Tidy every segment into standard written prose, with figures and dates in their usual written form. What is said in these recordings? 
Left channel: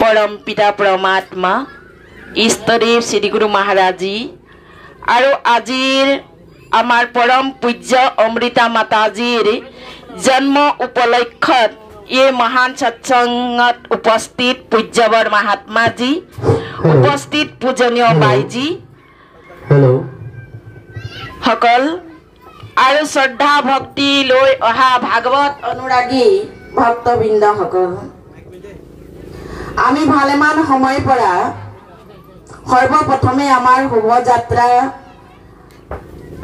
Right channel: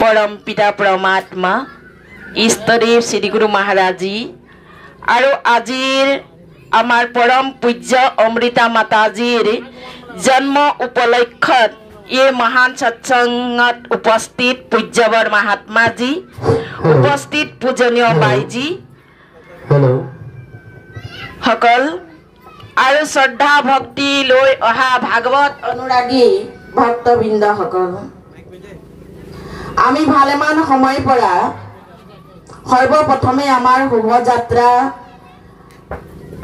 परम पिता परमात्मा इष्टदेव श्री गुरु महाराज जी और आजिर आमार परम पूज्य अमृता माताजीर जन्म उपलक्षत ये महान सत्संगत उपस्थित पूज्यवर महात्मा जी उपस्थित पूजनीय बाई जी सकल और श्रद्धा भक्ति लय अहा भागवत अनुरागी भक्तबृंद सकल आमी भालेमान समय परा सर्वप्रथमे आमार शोभायात्रा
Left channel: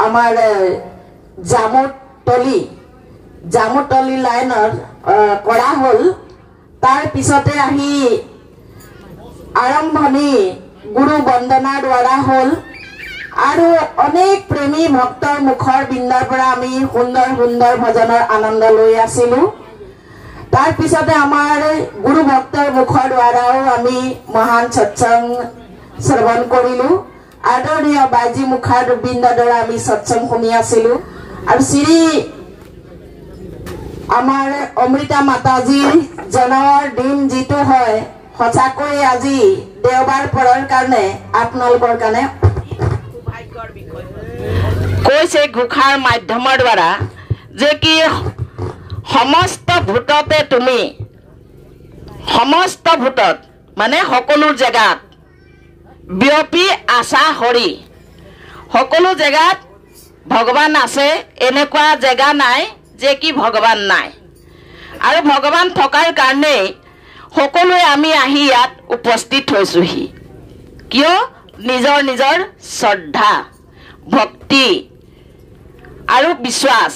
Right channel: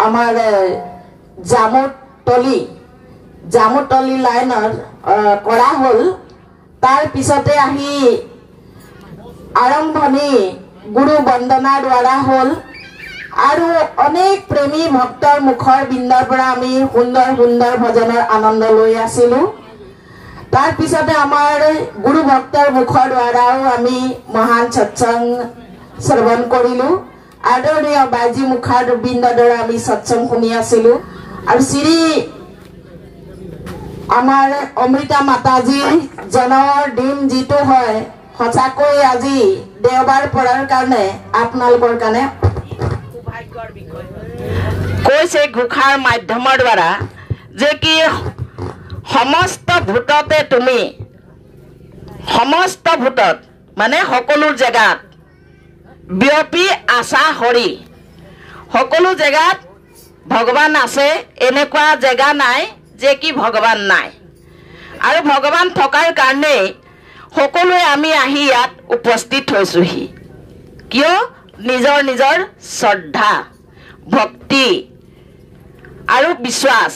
आमार जामुटली लाइनर करा हल तार पिछते आही आरम्भणी गुरु वंदना द्वारा हल और अनेक प्रेमी भक्तर मुखर बिंदार पर आमी सुंदर सुंदर भजनर आनंद लई आसिलु तार पिछते आमार गुरु भक्तर मुखर द्वारा आमी महान सत्संग श्रवण करिलु आदरणीय बाजी मुखार बिंदार द्वारा आमी सत्संग शुनि आसिलु और श्री आमार अमृता माताजी जन्মৰ दिन जीतो है सचाকৈ আজি देवबार पड़ार कारणे आपनालोকৰ कारणे सौभाग्যৰ বিষয় কৈছে ঘোষাৰ মাধ্যমৰ দ্বাৰা যে কি समस्त भूतते तुमी समस्त भूतत माने सकलो जगात ब्यपी आशा हरि सकलो जगात भगवान आछे एनेकुवा जगा नाय जे कि भगवान नाय और भगवान थकार कारणे सकलोए आमी आही यात उपस्थित होइछुहि किय निजर निजर श्रद्धा भक्ति और विश्वास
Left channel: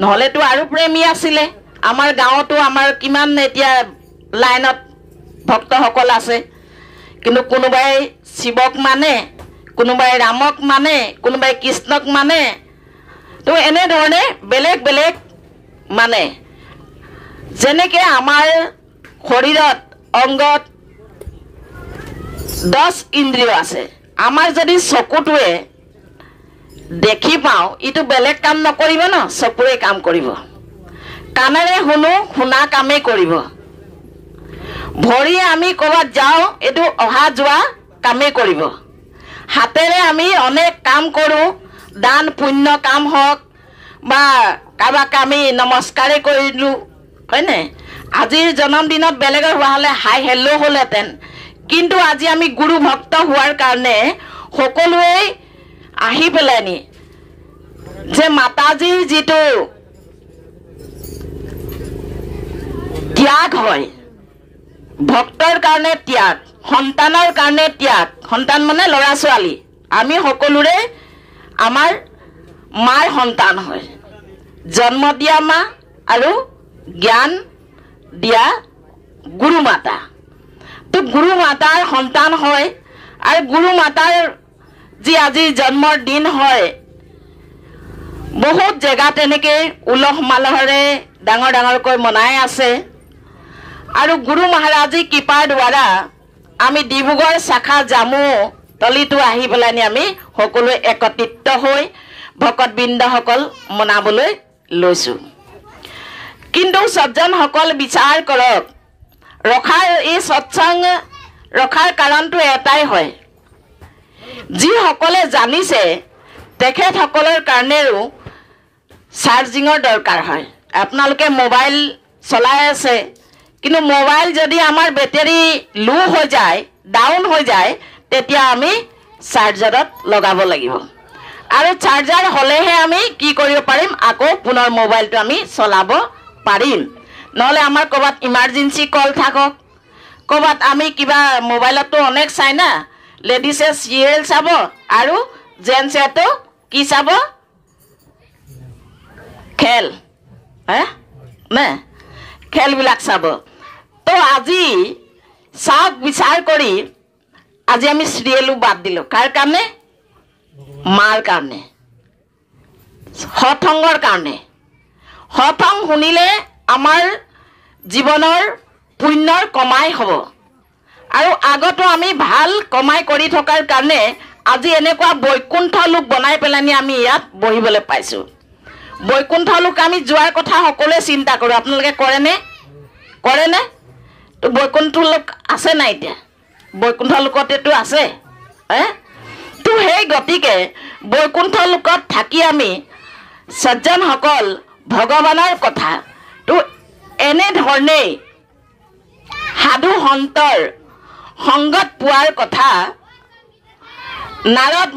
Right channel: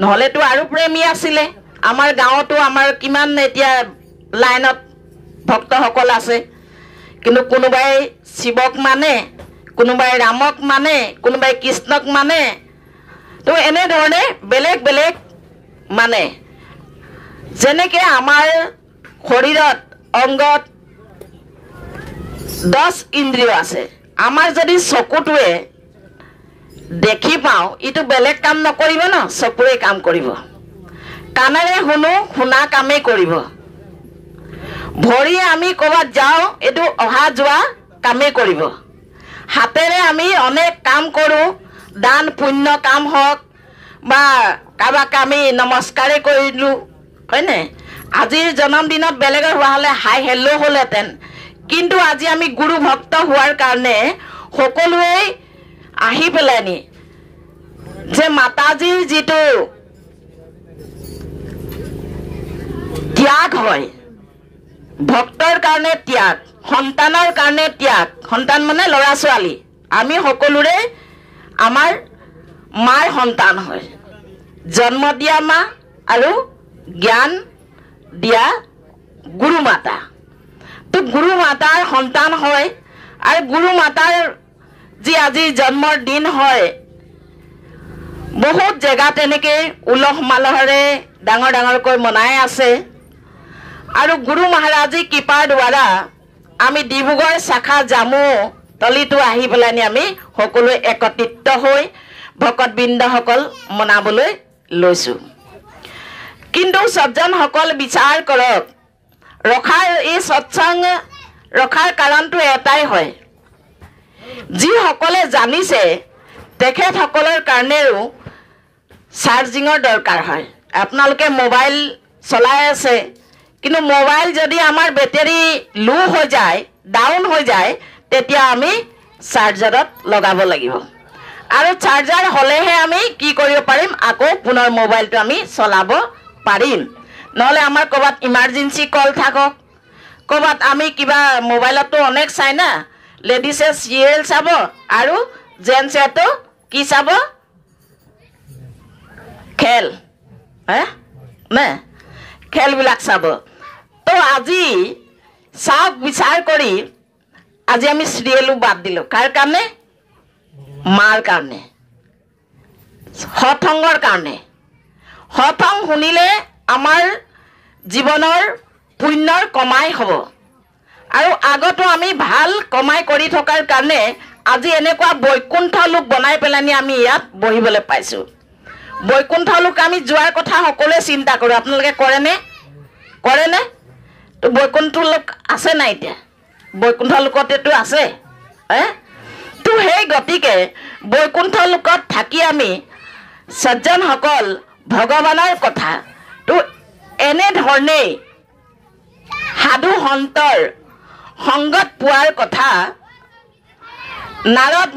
নহলে তো আৰু প্ৰেমী আছিলে আমাৰ গাঁৱতো আমাৰ কিমান এতিয়া লাইনত ভক্তসকল আছে কিন্তু কোনোবাই শিৱক মানে কোনোবাই ৰামক মানে কোনোবাই কৃষ্ণক মানে তো এনে ধৰণে বেলেগ বেলেগ মানে যেনেকে আমাৰ শৰীৰত অংগত 10 ইন্দ্ৰিয় আছে আমাৰ যদি চকুটোৱে देखी पाओ इतो बेलेग काम नकरिब न चकुरे काम करिब कानेरे हुनु हुना कामे करिब भरि आमी कबात जाओ एतु अहा जुआ कामे करिब हातेरे आमी अनेक काम करू दान पुण्य काम हक बा काबाक आमी नमस्कारे करिलु हयने आजिर जन्मदिনত बेलेगर हुआ हले हाय हेलो होलेतेन किन्तु আজি आमी गुरु भक्त हुआर कारणे सकलोए आही पेलानी जे माताजीर जीतो त्याग है भक्तर कारणे त्याग सन्तानर कारणे त्याग सन्तान माने लड़ा छाली आमी सकलोरे आमार मार सन्तान है जन्म दिया मा और ज्ञान दिया गुरु माता तो गुरु मातार सन्तान है और गुरु मातार जी आज जन्মৰ दिन है बहुत जगह एनेके उलह मालहरे डांगर डांगरকৈ मनाय आछे और गुरु महाराजी कृपार द्वारा आमी डिब्रुगढ़ शाखा जामु तलितो आही पेलानी आमी सकलोए एकत्रित হৈ भकतबृन्दসকল मनाবলৈ লৈছো किन्तु सज्जनসকল विचार करक रखार এই सत्संग रखार কাৰণটো এটাই হয় जी सकले जानिसे तेखेत सकলৰ কাৰণেও चार्जिंगर दरकार है आपनालोके मोबाइल चलाय आछे किन्तु मोबाइल जदि आमार बेटारी लो हो जाए डाउन हो जाए तेतिया आमी चार्जारत लगाब लागिब और चार्जार हलेहे आमी कि करिब पारिम आको पुनर मोबाइलটো आमी चलाब पारिम নহলে आमार कबात इमार्जेंसी कल थाকক कबात आमी किबा मोबाइलतो अनेक चाय ना लेडिसे सीरियल चाब और जेन्ट्से तो कि चाब खेल ने खेल बिलाक चाब तो আজি चाक विचार करी আজি आमी सीरियलो बाद दिलो कार कारणे मार कारणे सत्संगर कारणे सत्संग शुनिले आमार जीवनर पुण्यर कमाई हबो और आगतो आमी भाल कमाई करी थकार कारणे আজি এনেকুৱা বৈকুণ্ঠ লোক বনাই পেলানি আমি ইয়াত বহিবলৈ পাইছো বৈকুণ্ঠ লোক আমি যোৱাৰ কথা সকলোৱে চিন্তা কৰো আপোনালোকে কৰে নে তো বৈকুণ্ঠ লোক আছে নাই এতিয়া বৈকুণ্ঠ লোকতেতো আছে তো সেই গতিকে বৈকুণ্ঠ লোকত থাকি আমি সজ্জনসকল ভগৱানৰ কথা তো এনেধৰণেই সাধু সন্তৰ সংগত পোৱাৰ কথা নাৰদ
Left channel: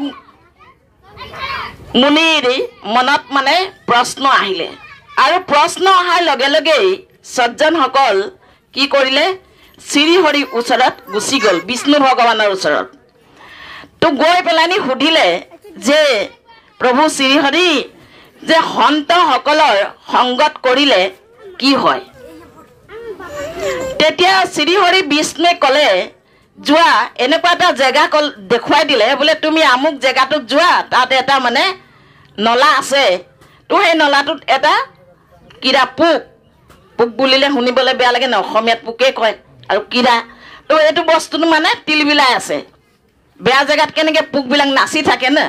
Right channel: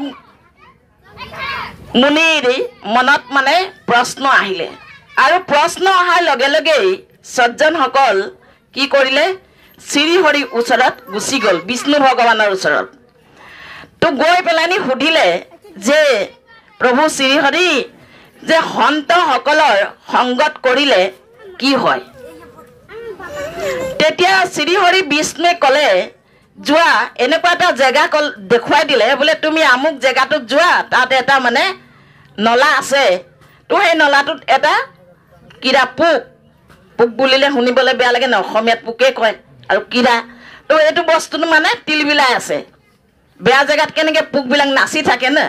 মুনিৰ মনত মানে প্ৰশ্ন আহিলে আৰু প্ৰশ্ন অহাৰ লগে লগেই সজ্জনসকল কি কৰিলে শ্ৰীহৰিৰ ওচৰত গুচি গ'ল বিষ্ণু ভগৱানৰ ওচৰত তো গৈ পেলানি সুধিলে যে প্ৰভু শ্ৰীহৰি যে সন্তসকলৰ সংগত কৰিলে কি হয় তেতিয়া শ্ৰীহৰি বিষ্ণুৱে ক'লে যোৱা এনেকুৱা এটা জেগা দেখুৱাই দিলে বোলে তুমি আমুক জেগাটোত যোৱা তাত এটা মানে নলা আছে তো সেই নলাটোত এটা কিৰা পোক বুলিলে শুনিবলৈ বেয়া লাগে ন অসমীয়াত পোকে কয় আৰু কিৰা তো এইটো বস্তুটো মানে তিলবিলাই আছে বেয়া জেগাত কেনেকৈ পোকবিলাক নাচি থাকে না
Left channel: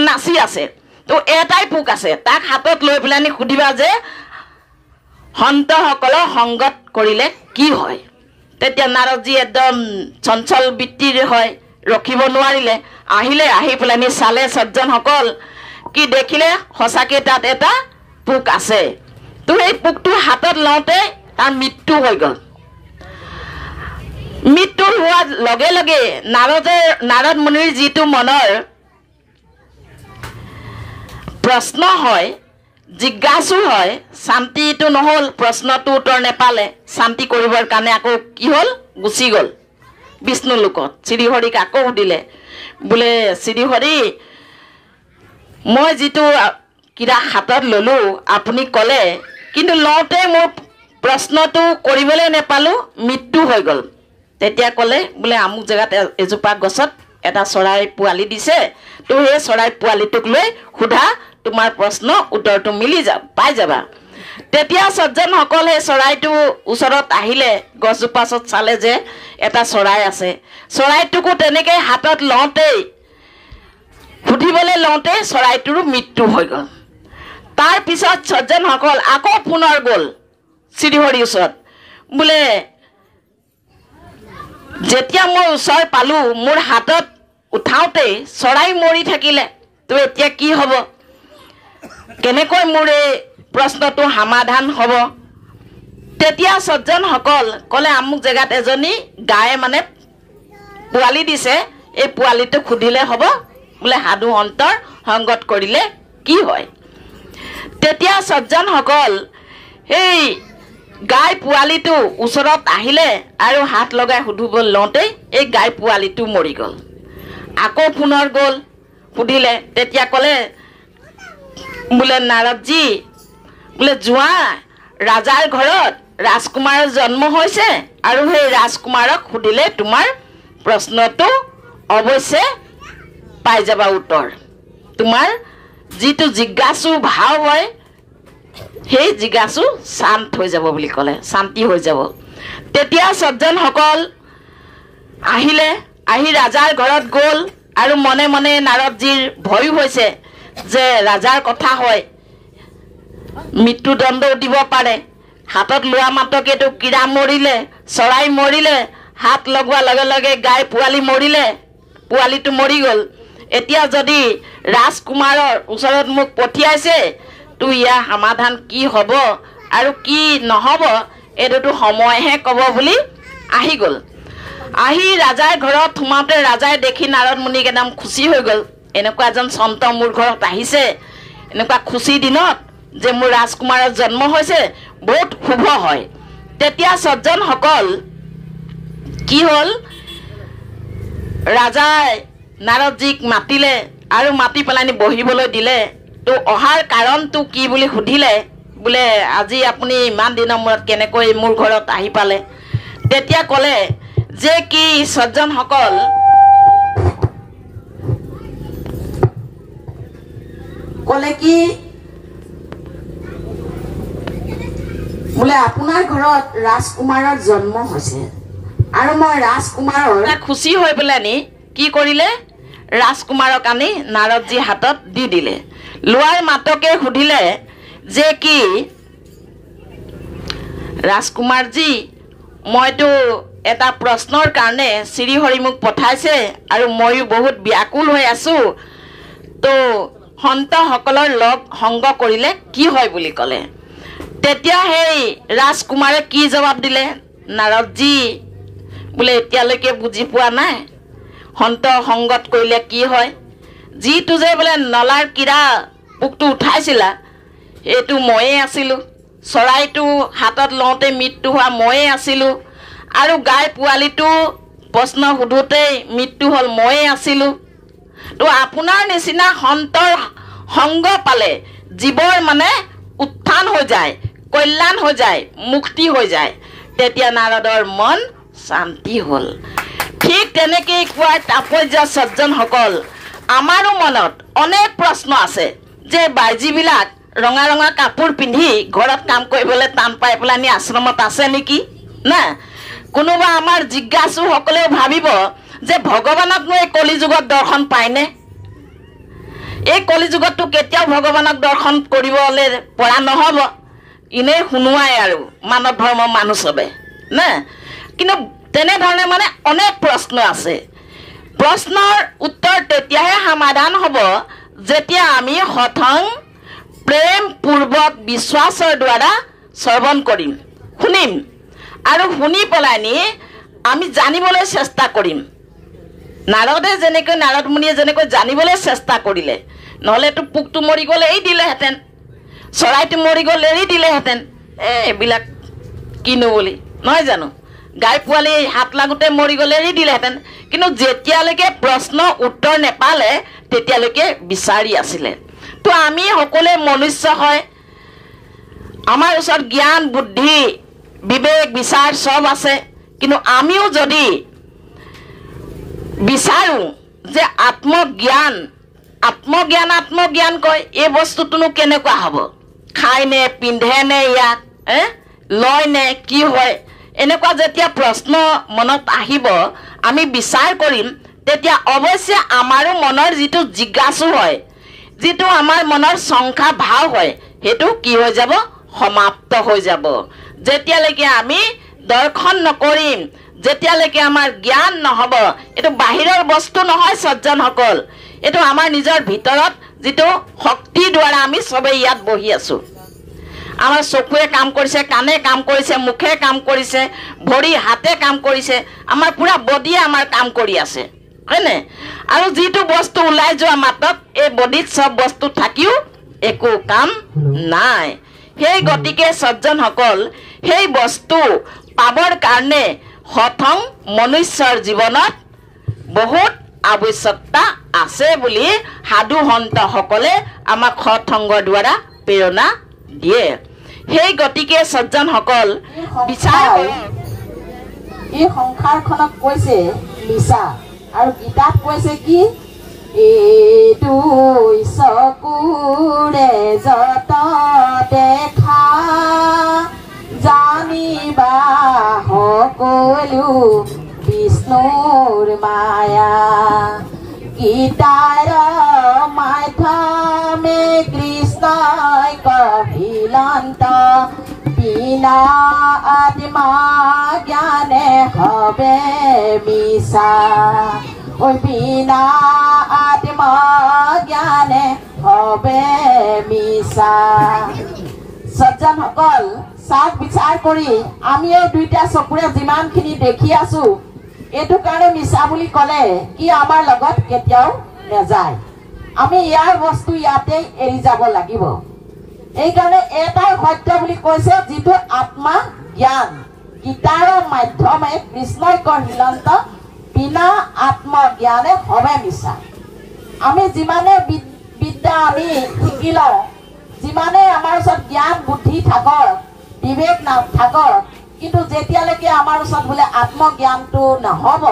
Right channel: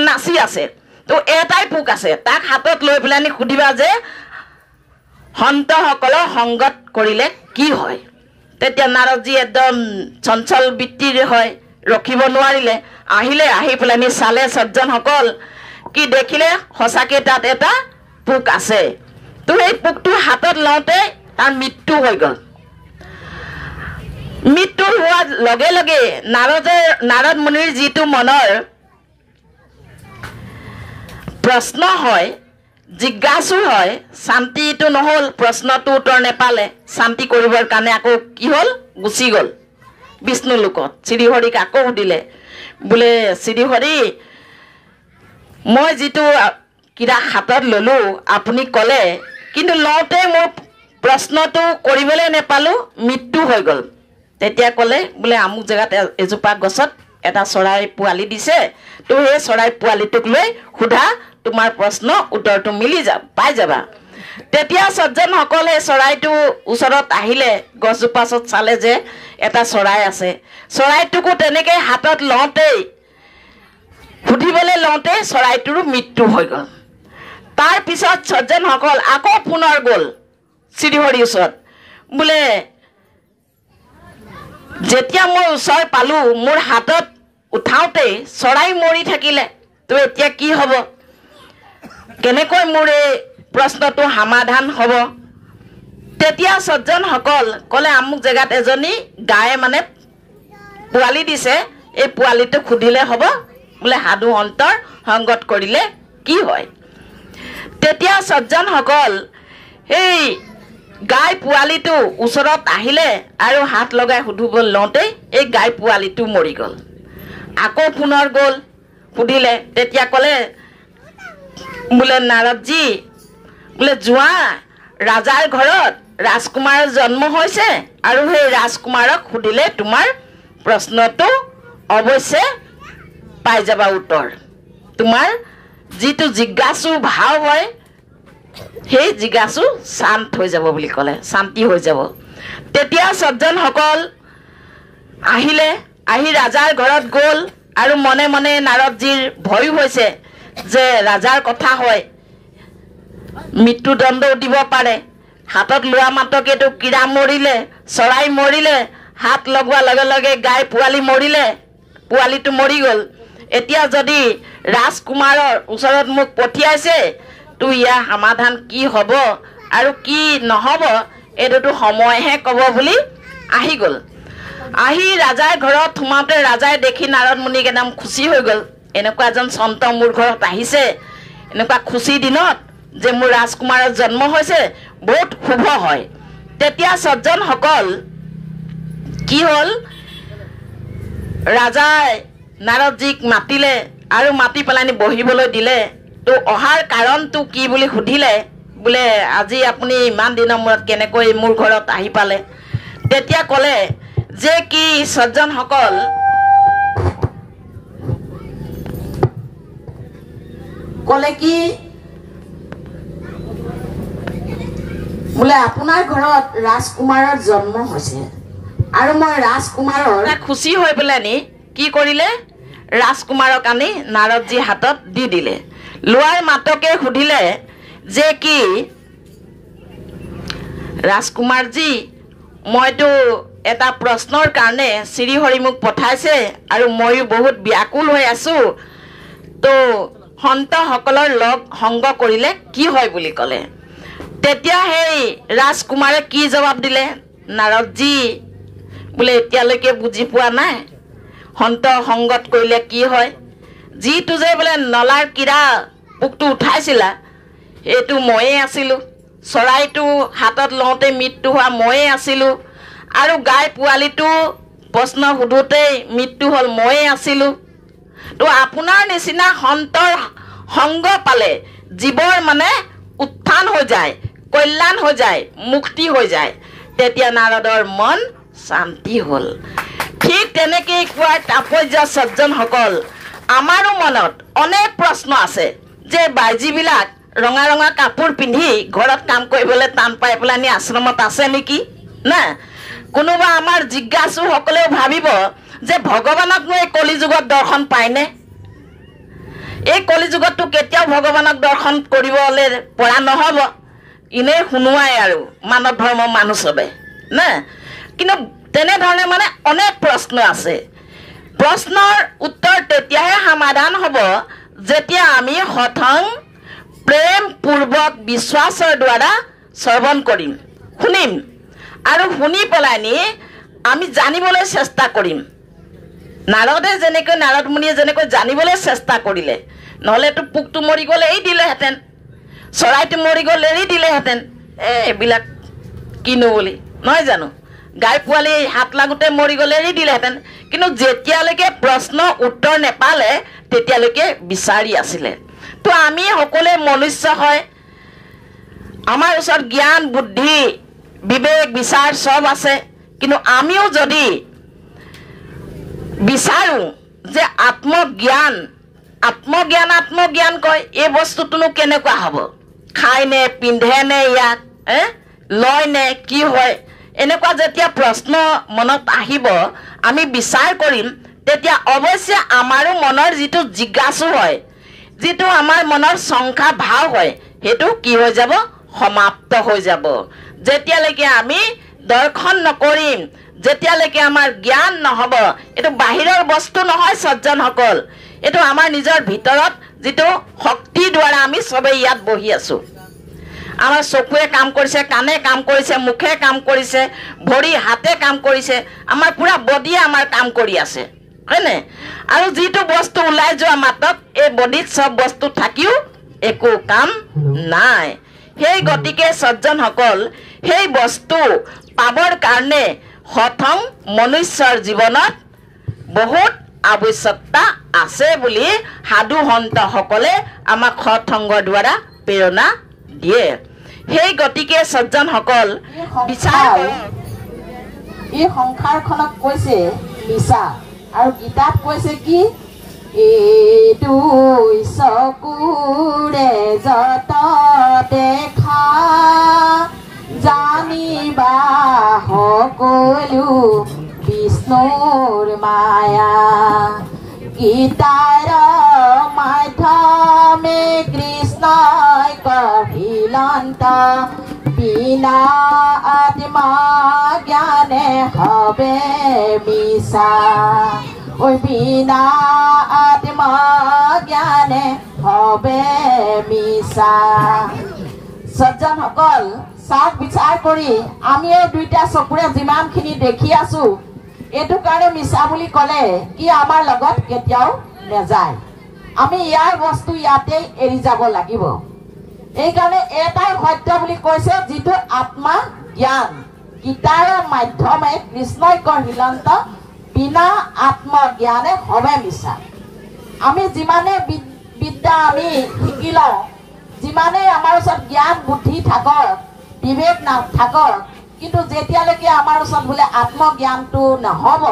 নাচি আছে তো এটাই পোক আছে তাক হাতত লৈ পেলানি সুধিবা যে সন্তসকলৰ সংগত কৰিলে কি হয় তেতিয়া নাৰদজী একদম চঞ্চল বৃত্তিৰ হয় ৰখিব নোৱাৰিলে আহিলে আহি পেলানি চালে সজ্জনসকল কি দেখিলে সঁচাকৈ তাত এটা পোক আছে তো এই পোকটো হাতত লওঁতে তাৰ মৃত্যু হৈ গ'ল মৃত্যু হোৱাৰ লগে লগে নাৰদ মুনিৰ যিটো মনৰ প্ৰশ্ন হয় জিজ্ঞাসু হয় শান্তিটো নহ'ল প্ৰশ্নটো উত্তৰ নেপালে শান্তি কৰিবৰ কাৰণে আকৌ কি হ'ল গুচি গ'ল বিষ্ণু লোকত শ্ৰীহৰিক আকৌ সুধিলে বোলে শ্ৰীহৰি মই যিটো কিৰা হাতত ল'লো আপুনি ক'লে কিন্তু লওঁতে মোৰ প্ৰশ্নটো কৰিবলৈ নেপালোঁ মৃত্যু হৈ গ'ল তেতিয়া ক'লে বোলে আমুক জেগাত এজোপা গছত এটা চৰাই পোৱালি দিছে তো সেই চৰাই পোৱালিটোক লৈ সোধা তোমাৰ প্ৰশ্ন উত্তৰটো মিলি পাই যাবা তেতিয়া সজ্জনসকল সেই চৰাইটো ওচৰত আহিলে গছজোপা ওচৰত চালে যে এটা চৰাই আছে চৰাইটোকো তেনেকৈ হাতত লওঁতেই সুধিবলৈ লওঁতে চৰাইটোৰো মৃত্যু হৈ গ'ল তাৰ পিছত সজ্জনসকল আকৌ পুনৰ গ'ল শ্ৰীহৰিৰ ওচৰত বোলে যেতিয়া মই ওচৰ পালোঁ মোৰ হাতত উঠাওঁতেই চৰাই মৰি থাকিলে তো এতিয়া কি হ'ব কেনেকৈ মোৰ এই প্ৰশ্নটো সমাধান হ'ব তেতিয়া সজ্জনসকল ক'লে আমুক জেগাত এজনী গায়ে মানে পোৱালি দিছে এই পোৱালিটোক সুধিলে হ'ব বোলে সাধু সন্তৰ সংগত কৰিলে কি হয় তেতিয়া সজ্জনসকল এই গাই পোৱালিটো ওচৰত আহিলে আৰু হাত লগাই সুধিবলৈ লওঁতেই এই গাই পোৱালিটো মৰি গ'ল আকৌ পুনৰ গ'ল সুধিলে তেতিয়া ক'লে বোলে নাৰদজী বোলে যোৱা ৰাজাৰ ঘৰত ৰাজকুমাৰৰ জন্ম হৈছে আৰু সেই ৰাজকুমাৰক সুধিলে তোমাৰ প্ৰশ্নটো অৱশ্যে পাই যাবা উত্তৰ তোমাৰ যিটো জিজ্ঞাসু ভাৱ হয় সেই জিজ্ঞাসু শান্ত হৈ যাব বুলি ক'লে শান্তি হৈ যাব তেতিয়া সজ্জনসকল আহিলে আহি ৰাজাৰ ঘৰত গ'ল আৰু মনে মনে নাৰদজীৰ ভয় হৈছে যে ৰাজাৰ কথা হয় মৃত্যুদণ্ডও দিব পাৰে হাতত লোৱা মাত্ৰকেতো কিৰা মৰিলে চৰাই মৰিলে হাত লগোৱাৰ লগে লগে গাই পোৱালি মৰিলে পোৱালিটো মৰি গ'ল এতিয়া যদি ৰাজকুমাৰৰ ওচৰত মোক পঠিয়াইছে তো ইয়াৰ সমাধান কি হ'ব আৰু কি নহ'ব এইটোতো সময়হে ক'ব বুলি আহি গ'ল আহি ৰাজাৰ ঘৰত সোমাওঁতে ৰাজাই দেখি নাৰদ মুনিক একদম খুচি হৈ গ'ল এনেকুৱা এজন সন্ত মোৰ ঘৰত আহিছে এনেকুৱা খুচি দিনত যে মোৰ ৰাজকুমাৰৰ জন্ম হৈছে বহুত শুভ হয় তেতিয়া সজ্জনসকল কি হ'ল ৰাজাই নাৰদজীক মাতিলে আৰু মাতি পেলানি বহিবলৈ দিলে তো অহাৰ কাৰণটো কি বুলি সুধিলে বোলে আজি আপুনি ইমান দিনৰ মূৰত কেনেকৈ মোৰ ঘৰত আহি পালে তেতিয়া ক'লে যে কি সজ্জনসকল ক'লে কি বোলে আপোনাৰ ঘৰত ৰাজকুমাৰৰ জন্ম হৈছে আৰু মই ৰাজকুমাৰৰ খুচি হৈ পেলানি কি কৰিলে ৰাজকুমাৰক আনি নাৰদজীৰ হাতত দি দিলে লোৱাৰ মাতকে সুধিলে যে কি ৰাজকুমাৰজী মইতো এটা প্ৰশ্নৰ কাৰণে শ্ৰীহৰি মোক পঠাইছে আৰু মইও বহুত ব্যাকুল হৈ আছো তো সন্তসকলৰ লগ সংগ কৰিলে কি হয় বুলি ক'লে তেতিয়া সেই ৰাজকুমাৰে কি জবাব দিলে নাৰদজী বোলে এতিয়ালৈকে বুজি পোৱা নাই সন্ত সংগত কৰিলে কি হয় যিটো যে বোলে নলাৰ কিৰা পোকটো উঠাইছিলা এইটো ময়ে আছিলো চৰাইটো হাতত লওঁতে মৃত্যু হোৱা ময়ে আছিলো আৰু গাই পোৱালিটো প্ৰশ্ন সুধোতে মৃত্যু হল ময়ে আছিলো তো আপোনাৰ নিচিনা সন্তৰ সংগ পালে জীৱৰ মানে উত্থান হৈ যায় কল্যাণ হৈ যায় মুক্তি হৈ যায় তেতিয়া নাৰদৰ মন শান্তি হল ঠিক তেনেকৈ কোৱা তাপস্য সজ্জনসকল আমাৰো মনত অনেক প্ৰশ্ন আছে যে বাইজীবিলাক ৰঙা ৰঙা কাপোৰ পিন্ধি ঘৰত কাম কৰিবলৈ টান পাই পেলানি আশ্ৰমত আছে নেকি না কোনোবা আমাৰ জিজ্ঞাসু সকলেও ভাবিব যে ভগৱানক এই কলিযুগত দৰ্শন পায়নে এই কলিযুগতটো কেতিয়াও ভগৱানক দৰ্শন কৰিবলৈ পৰা নহব ইনে শুনুৱাই আৰু মানৱ ধৰ্ম মানুহ সবে না কিন্তু তেনেধৰণে মানে অনেক প্ৰশ্ন আছে প্ৰশ্নৰ উত্তৰ তেতিয়াহে সমাধান হ'ব যেতিয়া আমি সথং প্ৰেম পূৰ্বক বিশ্বাসৰ দ্বাৰা শ্ৰৱণ কৰিম শুনিম আৰু শুনি পেলানি আমি জানিবলৈ চেষ্টা কৰিম নাৰদে যেনেকৈ নাৰদ মুনিয়ে যেনেকৈ জানিবলৈ চেষ্টা কৰিলে নহলেতো পোকটো মৰি গ'লে এৰি দিলেহেঁতেন চৰাইটো মৰি গ'লে এৰি দিলেহেঁতেন এইবিলাক কিনো বুলি নহয় জানো গাই পোৱালি হাত লাগোতে মৰি গ'লে এৰি দিলেহেঁতেন কিন্তু যেতিয়ালৈকে প্ৰশ্ন উত্তৰ নেপালে তেতিয়ালৈকে বিচাৰি আছিলে তো আমি সকলোৱে মনুষ্য হয় আমাৰ ওচৰত জ্ঞান বুদ্ধি বিবেক বিচাৰ সব আছে কিন্তু আমিও যদি বিচাৰো যে আত্মজ্ঞান কয় এই বস্তুটোনো কেনেকুৱা হ'ব খাই নে পিন্ধে নে ইয়াক লয় নে কি হয় এনেকুৱা যেতিয়া প্ৰশ্ন মনত আহিব আমি বিচাৰ কৰিম তেতিয়া অৱশ্যে আমাৰো মনৰ যিটো জিজ্ঞাসু হয় যিটো আমাৰ মনৰ সংখ্যা ভাৱ হয় হেতু কি হৈ যাব সমাপ্ত হৈ যাব যেতিয়ালৈকে আমি দৰ্শন নকৰিম যেতিয়ালৈকে আমাৰ জ্ঞান নহব এটো বাহিৰৰ বস্তু নহয় সজ্জনসকল এটো আমাৰ নিজৰ ভিতৰত যিটো শক্তি দ্বাৰা আমি সবে ইয়াত বহি আছো আমাৰ চকুৱে কাম কৰিছে কানে কাম কৰিছে মুখে কাম কৰিছে ভৰি হাতে কাম কৰিছে আমাৰ পুৰা বডিয়ে আমাৰ কাম কৰি আছে হয়নে আৰু যিটো বস্তু ওলাই যোৱা মাতক এই বডিত সব বস্তু থাকিও একো কাম নাই সেই গতিকে সজ্জনসকল সেই বস্তু পাবৰ কাৰণে সথং মনুষ্যৰ জীৱনত বহুত আৱশ্যকতা আছে বুলি সাধু সন্ত সকলে আমাক সৎসংগৰ দ্বাৰা প্ৰেৰণা দিয়ে সেই গতিকে সজ্জনসকল বিচাৰ এই সংসাৰখনক কৈছে মিছা আৰু গীতাত কৈছে কি এইটো চকুৰে যত দেখা জানিবা সকলো বিষ্ণুৰ মায়া গীতাৰ মাধ্যমে কৃষ্ণই কহিলান্ত বিনা আত্মা জ্ঞানে হবে মিছা ওই বিনা আত্মা জ্ঞানে হবে মিছা সজ্জনসকল চাওক বিচাৰ কৰি আমি এই দুইটা চকুৰে যিমানখিনি দেখি আছো এইটো কাৰণে মিছা বুলি ক'লে কি আমাৰ লগত কেতিয়াও নেযায় আমি ইয়াৰ বস্তু ইয়াতে এৰি যাব লাগিব এইকাৰণে এটাই সত্য বুলি কৈছে যিটো আত্মা জ্ঞান গীতাৰ মাধ্যমে কৃষ্ণই কহিলান্ত বিনা আত্মজ্ঞানে হবে মিছা আমি যিমানে বিদ্যা আমি শিকি লওঁ যিমানে আমাৰ ওচৰত জ্ঞান বুদ্ধি থাকক বিবেক নাথাকক কিন্তু যেতিয়ালৈকে আমাৰ ওচৰত বোলে আত্মজ্ঞানটো নহব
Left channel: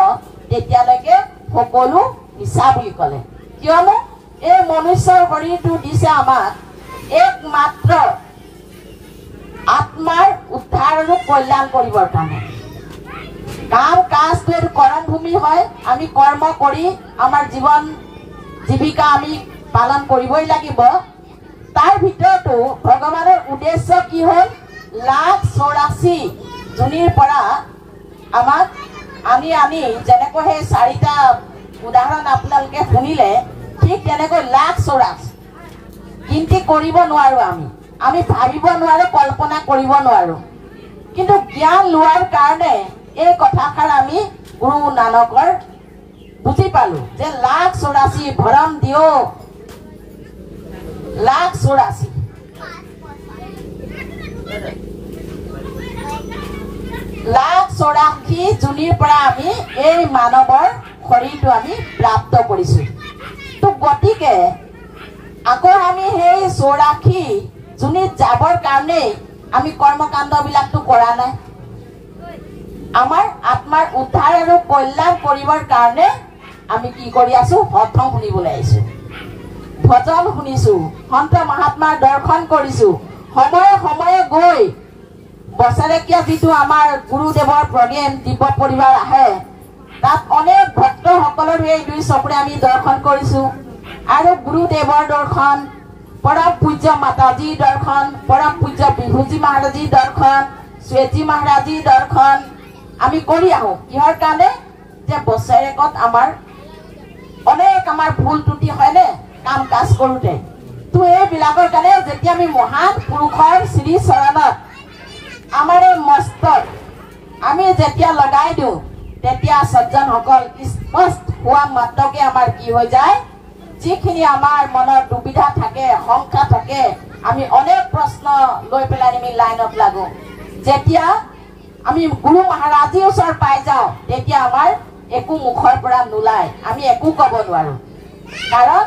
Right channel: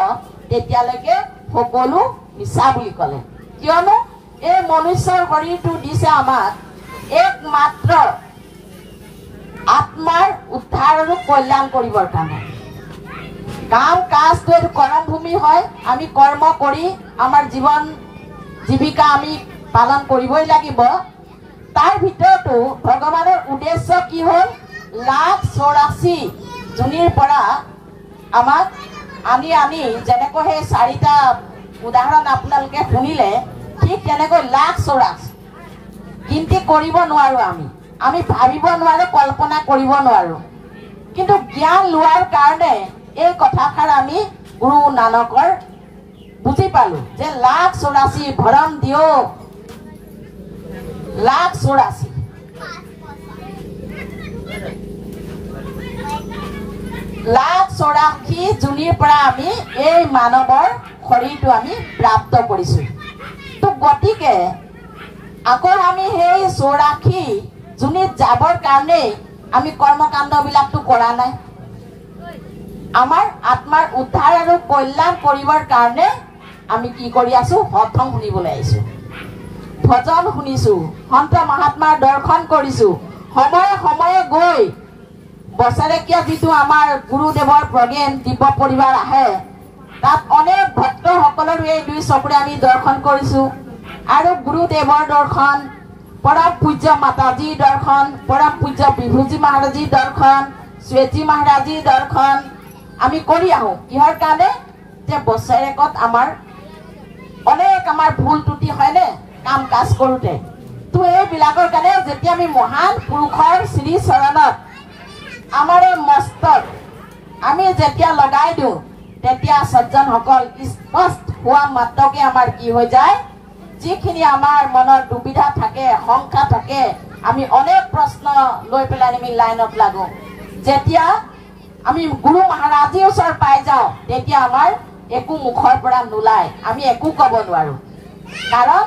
তেতিয়ালৈকে সকলো মিছা বুলি ক'লে কিয়নো এই মনুষ্যৰ শৰীৰটো দিছে আমাক একমাত্ৰ আত্মাৰ উদ্ধাৰ আৰু কল্যাণ কৰিবৰ কাৰণে কাম কাজটো এইটো কৰ্ম ভূমি হয় আমি কৰ্ম কৰি আমাৰ জীৱন জীৱিকা আমি পালন কৰিবই লাগিব তাৰ ভিতৰতো ভগৱানৰ উদ্দেশ্য কি হ'ল 84,000 জুনিৰ পৰা আমাক আনি আনি যেনেকৈ সেই 4টা উদাহৰণ আপোনালোকে শুনিলে ঠিক তেনেকৈ লাখ চৌৰাশ গিনতি কৰিব নোৱাৰো আমি ভাবিব নোৱাৰো কল্পনা কৰিব নোৱাৰো কিন্তু জ্ঞান লোৱাৰ কাৰণে এই কথাষাৰ আমি গুৰু নানকৰ বুজি পালো যে লাখ 84 ভৰম দিও লাখ 84 লাখ 84 জুনিৰ পৰা আমি এই মানৱৰ শৰীৰটো আমি প্ৰাপ্ত কৰিছো তো গতিকে আকৌ আমি সেই 84 জুনিত যাবৰ কাৰণে আমি কৰ্মকাণ্ড বিলাকটো কৰা নাই আমাৰ আত্মাৰ উদ্ধাৰ আৰু কল্যাণ কৰিবৰ কাৰণে আমি কি কৰি আছো হঠং শুনিবলৈ আহিছো ভজন শুনিছো সন্ত মহাত্মাৰ দৰ্শন কৰিছো সময়ে সময়ে গৈ বছৰেকীয়া যিটো আমাৰ গুৰুদেৱৰ প্ৰগ্ৰেম দিব্য পৰিবাৰ আহে তাত অনেক ভক্তসকলৰ এই দুই চকুৰে আমি দৰ্শন কৰিছো আৰু গুৰুদেৱৰ দৰ্শন পৰম পূজ্য মাতাজীৰ দৰ্শন পৰম পূজ্য বিভূজি মহাৰাজীৰ দৰ্শন শ্বেতী মহাৰাজীৰ দৰ্শন আমি কৰি আহো কিহৰ কাৰণে যে বছৰেকত আমাৰ অনেক আমাৰ ভুল ত্ৰুটি হয়নে কাম কাজ কৰোতে তো এইবিলাকৰ কাৰণে যেতিয়া আমি মহান পুৰুষৰ শ্ৰী চৰণত আমাৰ এই মস্তক আমি যেতিয়া লগাই দিওঁ তেতিয়া সজ্জনসকল স্পষ্ট হোৱা মাত্ৰকে আমাৰ কি হৈ যায় যিখিনি আমাৰ মনত দুবিধা থাকে শংকা থাকে আমি অনেক প্ৰশ্ন লৈ পেলাই আমি লাইনত লাগো যেতিয়া আমি গুৰু মহাৰাজীৰ ওচৰ পাই যাওঁ তেতিয়া আমাৰ একো মুখৰ পৰা নোলায় আমি একো ক'ব নোৱাৰো কাৰণ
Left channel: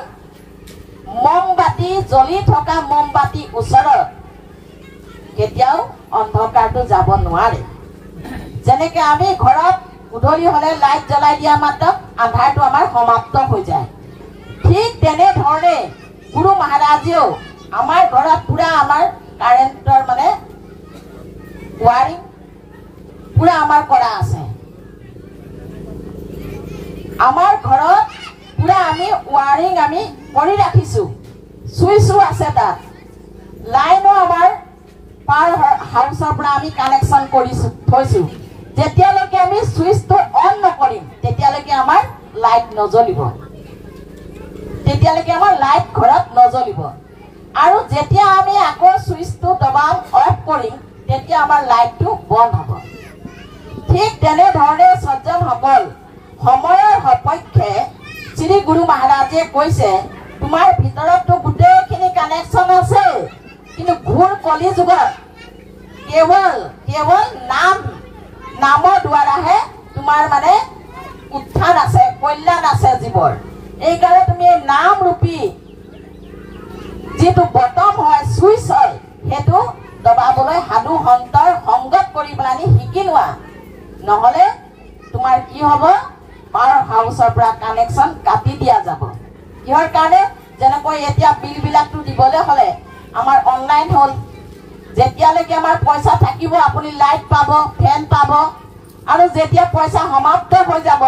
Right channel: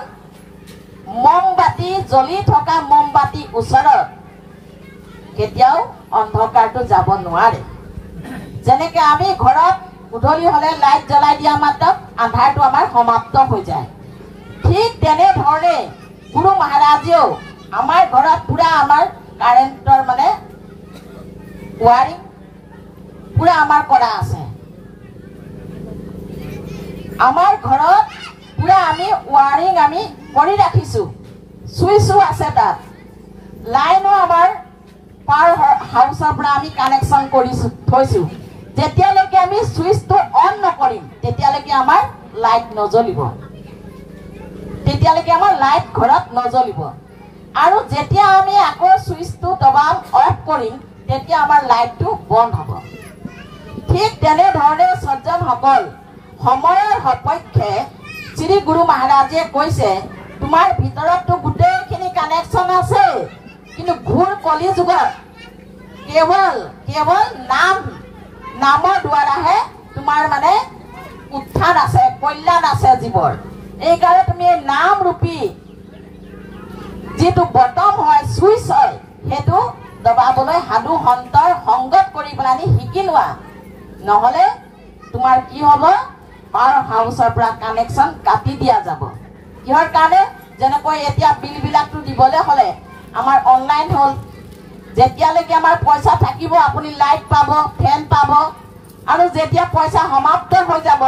মমবাতি জ্বলি থকা মমবাতি ওচৰত কেতিয়াও অন্ধকাৰটো যাব নোৱাৰে যেনেকে আমি ঘৰত উধলি হলে লাইট জ্বলাই দিয়া মাত্ৰ আন্ধাৰটো আমাৰ সমাপ্ত হৈ যায় ঠিক তেনে ধৰণে গুৰু মহাৰাজেও আমাৰ ঘৰত পুৰা আমাৰ কাৰেণ্টৰ মানে ৱাৰিং পুৰা আমাৰ কৰা আছে আমাৰ ঘৰত পুৰা আমি ৱাৰিং আমি কৰি ৰাখিছো সুইচো আছে তাত লাইনো আমাৰ পাৰ হাউসৰ পৰা আমি কানেকশন কৰিছো থৈছো যেতিয়ালৈকে আমি সুইচটো অন নকৰিম তেতিয়ালৈকে আমাৰ লাইট নজ্বলিব তেতিয়ালৈকে আমাৰ লাইট ঘৰত নজ্বলিব আৰু যেতিয়া আমি আকৌ সুইচটো দবাম অফ কৰিম তেতিয়া আমাৰ লাইটটো বন্ধ হ'ব ঠিক তেনে ধৰণে সজ্জনসকল সময়ৰ সপক্ষে শ্ৰী গুৰু মহাৰাজে কৈছে তোমাৰ ভিতৰতটো গোটেইখিনি কানেকশন আছে কিন্তু ঘূৰ কলি যুগত কেৱল নামৰ দ্বাৰাহে তোমাৰ মানে উত্থান আছে কল্যাণ আছে জীৱৰ এইকাৰণে তুমি নাম ৰূপী যিটো বটম হয় সুইচ হয় সেইটো দবাবলৈ সাধু সন্তৰ সংগত কৰি পেলাই শিকি লোৱা নহলে তোমাৰ কি হ'ব পাৰ হাউসৰ পৰা কানেকশন কাটি দিয়া যাব কিহৰ কাৰণে যেনেকৈ এতিয়া বিল বিলাকটো দিবলৈ হলে আমাৰ অনলাইন হল যেতিয়ালৈকে আমাৰ পইচা থাকিব আপুনি লাইট পাব ফেন পাব আৰু যেতিয়া পইচা সমাপ্ত হৈ যাব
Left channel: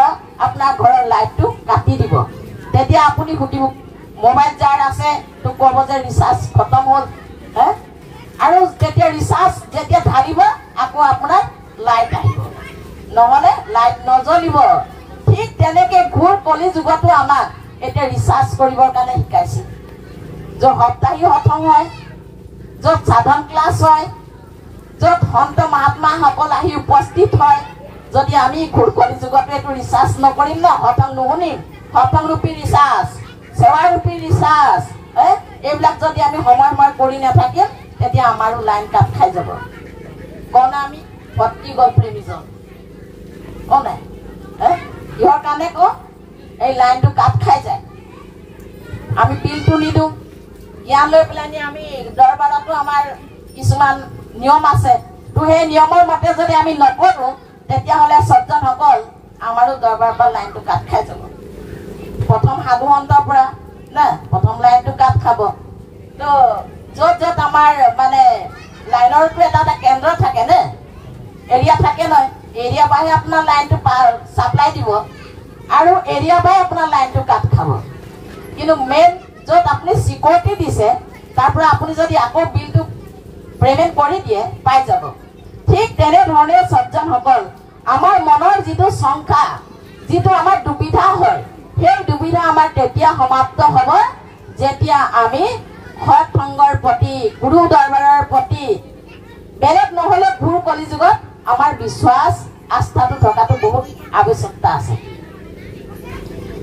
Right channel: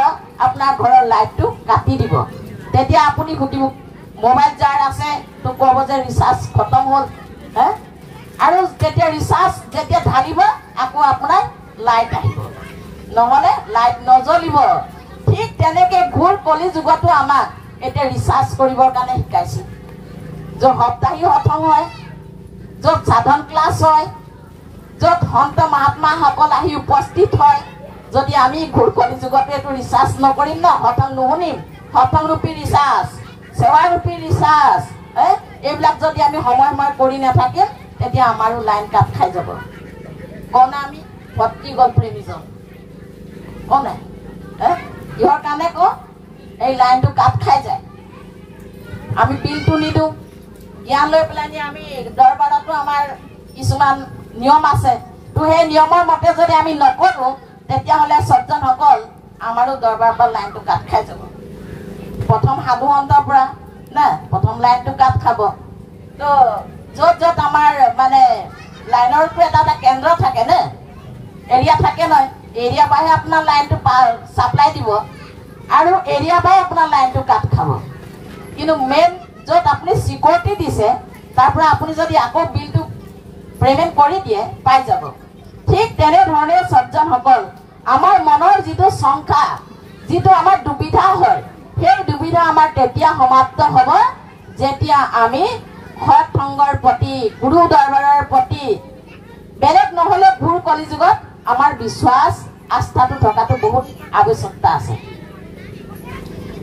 আপোনাৰ ঘৰৰ লাইটটো কাটি দিব তেতিয়া আপুনি সুধিব মোবাইল যাৰ আছে তো ক'ব যে ৰিচাৰ্জ খতম হ'ল আৰু যেতিয়া ৰিচাৰ্জ যেতিয়া ঢালিব আকৌ আপোনাৰ লাইট আহিব নহলে লাইট নজ্বলিব ঠিক তেনেকে ঘূৰ কলি যুগতো আমাক এতিয়া ৰিচাৰ্জ কৰিবৰ কাৰণে শিকাইছে য'ত সপ্তাহী হঠং হয় য'ত সাধন ক্লাছ হয় য'ত সন্ত মহাত্মাসকল আহি উপস্থিত হয় যদি আমি ঘূৰ কলি যুগতো এইটো ৰিচাৰ্জ নকৰিম ন হঠং নুশুনিম হঠং ৰূপী ৰিচাৰ্জ সেৱা ৰূপী ৰিচাৰ্জ এইবিলাক যদি আমি সময় কৰি নাথাকিম তেতিয়া আমাৰো লাইন কাট খাই যাব কওঁ না আমি ভক্তি গল প্ৰেমীজন কওঁ নাই কিহৰ কাৰণে কওঁ এই লাইনটো কাট খাই যায় আমি বিলটো নিদিওঁ জ্ঞান লৈ পেলাই আমি দৰবাৰতো আমাৰ কিছুমান নিয়ম আছে তো সেই নিয়মৰ মতে যদি আমি নকৰো তেতিয়াহ'লে সজ্জনসকল আমাৰো দৰবাৰৰ পৰা লাইনটো কাট খাই যাব প্ৰথম সাধু সন্তৰ পৰা না প্ৰথম লাইনটো কাট খাব তো য'ত য'ত আমাৰ মানে লাইনৰটো এটা কেন্দ্ৰ থাকে নে এৰিয়া থাকে নহয় এৰিয়া পাই আপোনাৰ লাইনটো সাপ্লাই দিব আৰু এৰিয়া পাই আপোনাৰ লাইনটো কাট খাব কিন্তু মেইন য'ত আপুনি সিকিউৰিটি দিছে তাৰ পৰা আপুনি যদি আকৌ বিলটো পেমেন্ট কৰি দিয়ে পাই যাব ঠিক তেনে ধৰণে সজ্জনসকল আমাৰ মনৰ যিটো শংকা যিটো আমাৰ দুবিধা হয় সেই দুবিধা আমাৰ তেতিয়া সমাপ্ত হ'ব যেতিয়া আমি সৎ সংগৰ প্ৰতি গুৰু দৰবাৰৰ প্ৰতি বেলেগ নহলে গুৰু কলিযুগত আমাৰ বিশ্বাস আস্থাটো থকাটো বহুত আৱশ্যকতা আছে।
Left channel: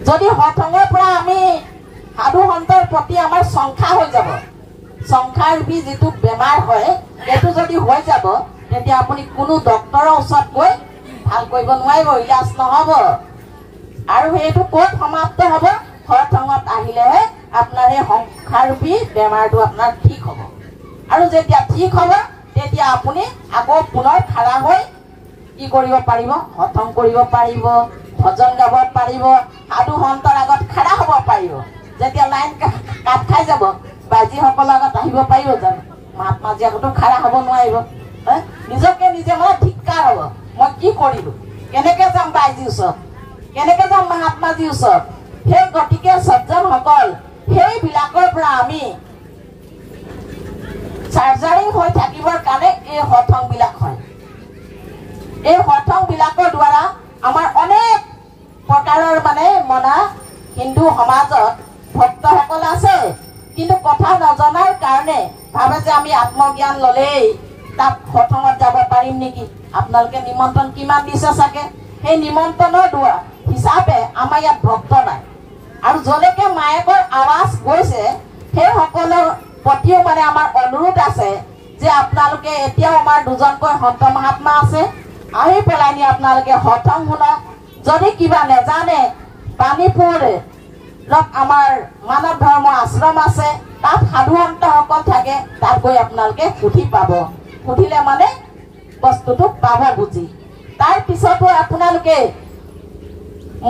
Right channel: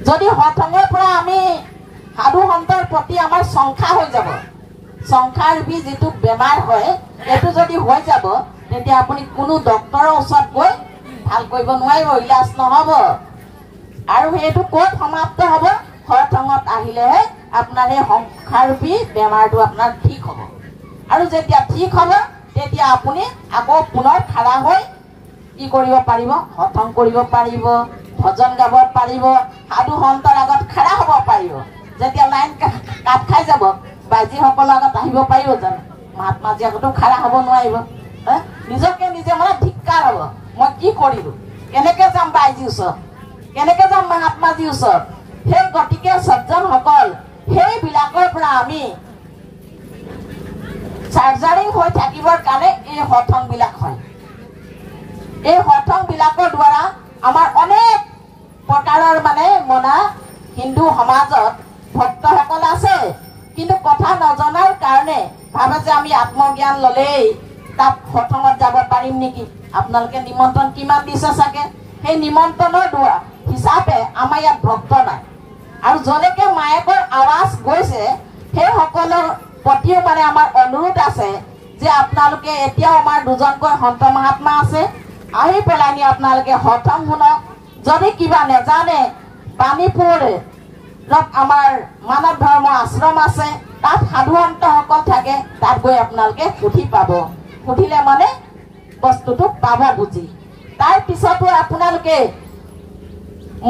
যদি সৎ সংগৰ পৰা আমি সাধু সন্তৰ প্ৰতি আমাৰ সংখ্যা হৈ যাব, সংখ্যাৰূপী যিটো বেমাৰ হয় এইটো যদি হৈ যাব তেতিয়া আপুনি কোনো ডক্টৰৰ ওচৰত গৈ ভাল কৰিব নোৱাৰিব, ইলাজ নহব। আৰু সেইটো ক'ত সমাপ্ত হ'ব? সৎ সংগত আহিলেহে আপোনাৰ এই সংখ্যাৰূপী বেমাৰটো আপোনাৰ ঠিক হ'ব। আৰু যেতিয়া ঠিক হ'ব তেতিয়া আপুনি আকৌ পুনৰ খাৰা হৈ কি কৰিব পাৰিব? সৎসং কৰিব পাৰিব, ভজন গাব পাৰিব, সাধু সন্তৰ আগত খাৰা হ'ব পাৰিব। যেতিয়া লাইন কাট খাই যাব বাজিসকলৰ আগত আহিব পাৰিব জানো? মহাত্মাজী আগতো খাৰা হ'ব নোৱাৰিব। নিজকে নিজে মানে ধিক্কাৰ হ'ব, মই কি কৰিলো, কেনেকে যাম বাইজীৰ ওচৰত, কেনেকে যাম মহাত্মাজীৰ ওচৰত। সেই গতিকে সজ্জনসকল সেইবিলাকৰ পৰা আমি চাৰ্জাৰিং হৈ থাকিবৰ কাৰণে এই সৎসং বিলাক হয়। এই সৎসং বিলাকৰ দ্বাৰা আমাৰ অনেক প্ৰকাৰৰ মানে মনা হিন্দু সমাজত ভক্তসকল আছে, কিন্তু কথা নজনাৰ কাৰণে ভাবে যে আমি আত্মজ্ঞান ললেই তাত সৎসংগত যাব পাৰিম নেকি। আপোনালোকে নিমন্ত্ৰণ কিমান দিছে চাগে, সেই নিমন্ত্ৰণৰ দ্বাৰা হিচাপে আমাৰ ইয়াত ভক্ত নাই। আৰু যলৈকে মায়েকৰ আৱাজ গৈছে সেই সকলৰ প্ৰতিও মানে আমাৰ অনুৰোধ আছে যে আপোনালোকে এতিয়াও আমাৰ দুজনকৈ সন্ত মহাত্মা আছে, আহি পেলাই নি আপোনালোকে সৎসং শুনক। যদি কিবা নেজানে পানীপুৰ আমাৰ মানৱ ধৰ্ম আশ্ৰম আছে, তাত সাধু সন্তসকল থাকে, তাত গৈ আপোনালোকে সুধি পাব, সুধিলে মানে বস্তুটো পাব বুজি। তাৰ পিছতো আপোনালোকে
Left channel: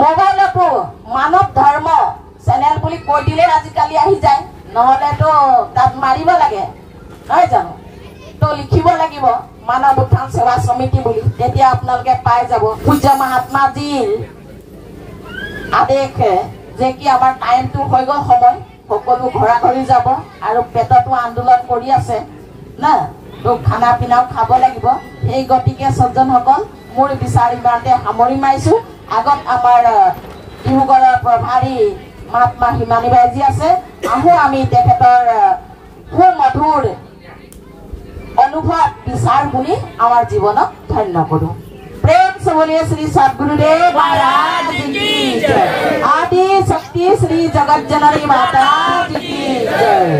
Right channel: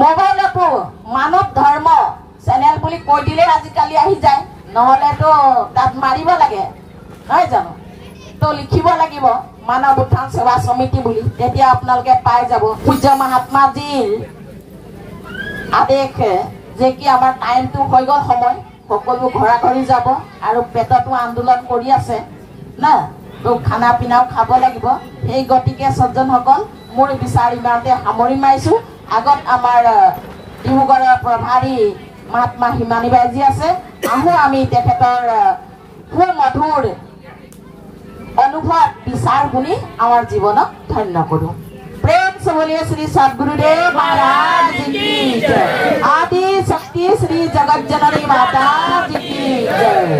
মোবাইলতো মানৱ ধৰ্ম চেনেল বুলি কৈ দিলে আজিকালি আহি যায়, নহলেতো তাত মাৰিব লাগে নহয় জানো, তো লিখিব লাগিব মানৱ উত্থান সেৱা সমিতি বুলি, তেতিয়া আপোনালোকে পাই যাব। পূজ্য মহাত্মাজীৰ আদেশ যে কি আমাৰ টাইমটো হৈ গ'ল, সময় সকলো ঘৰা ঘৰি যাব আৰু পেটতো আন্দোলন কৰি আছে না, তো খানা পিনাও খাব লাগিব। সেই গতিকে সজ্জনসকল মোৰ বিচাৰ ইমানতে সামৰি মাৰিছো। আগত আমাৰ ডিব্ৰুগড়ৰ প্ৰভাৰী মহাত্মা হিমানী বাইজী আছে, আহো আমি তেখেতৰ সুমধুৰ অনুভৱ বিচাৰ শুনি আমাৰ জীৱনক ধন্য কৰো। प्रेम से बोलिए श्री सद्गुरुदेव महाराज की जय। आदि शक्ति श्री जगत जननी माता जी की जय।